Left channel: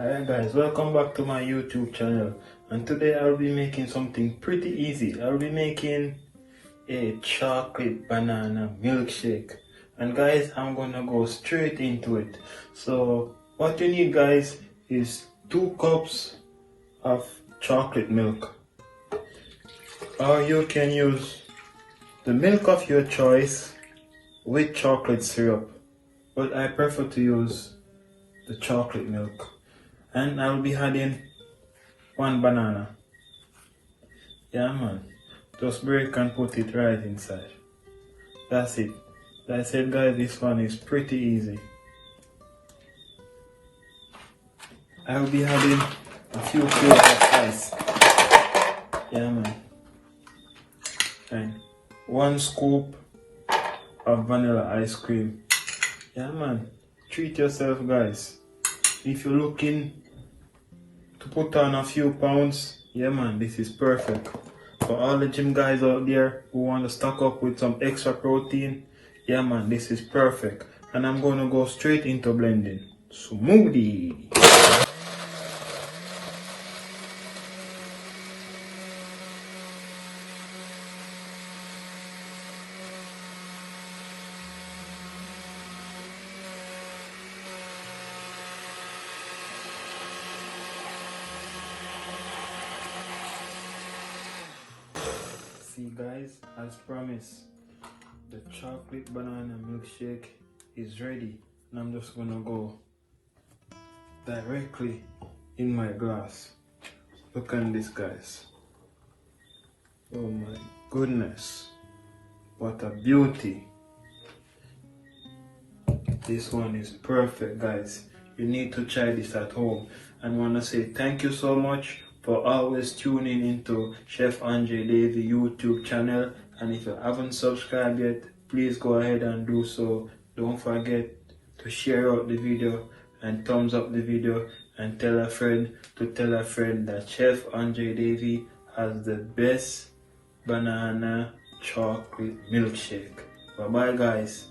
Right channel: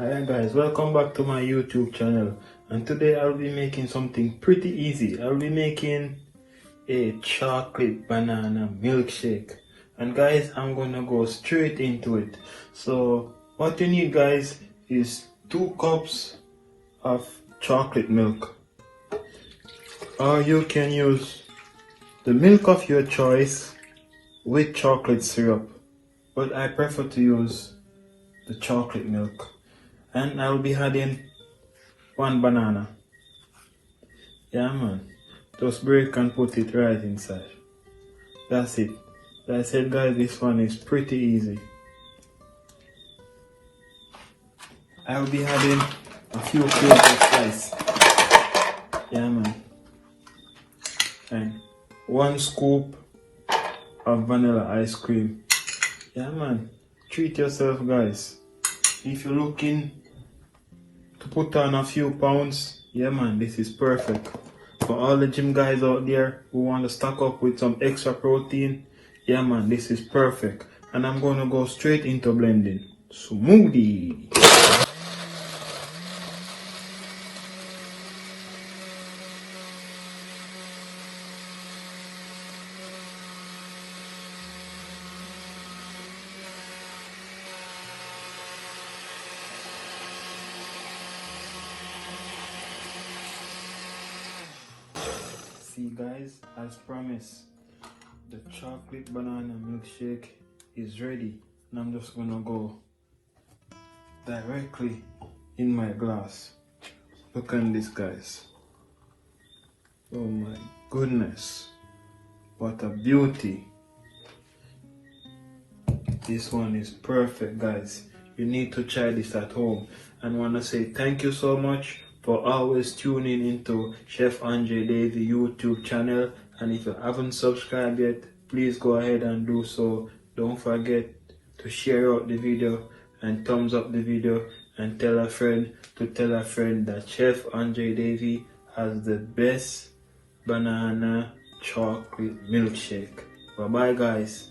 Hi guys, welcome back to my YouTube channel, and today I'll be making something pretty easy. I'll be making a chocolate banana milkshake, and guys, I'm gonna go straight into it. So what you need guys is 2 cups of chocolate milk, or you can use the milk of your choice with chocolate syrup, but I prefer to use the chocolate milk. And I'll be adding 1 banana. Yeah man, just break and put it right inside. That's it. That's it guys, this one is pretty easy. I'll be adding a few cloves of spice. Yeah man. And 1 scoop of vanilla ice cream. Yeah man, treat yourself guys. If you're looking to put on a few pounds, yeah man, this is perfect. For all the gym guys out there who want to stock up with some extra protein, yeah man, this is perfect. And I'm going to go straight into blending. Smoothie! See guys, as promised, the chocolate banana milkshake is ready, and I'm just gonna go directly in my glass. Look at this guys. Oh my goodness, what a beauty. This one is perfect guys. You need to try this at home. And I want to say thank you so much for always tuning into Chefandredavy YouTube channel. And if you haven't subscribed yet, please go ahead and do so. Don't forget to share out the video and thumbs up the video, and tell a friend to tell a friend that Chefandredavy has the best banana chocolate milkshake. Bye bye guys.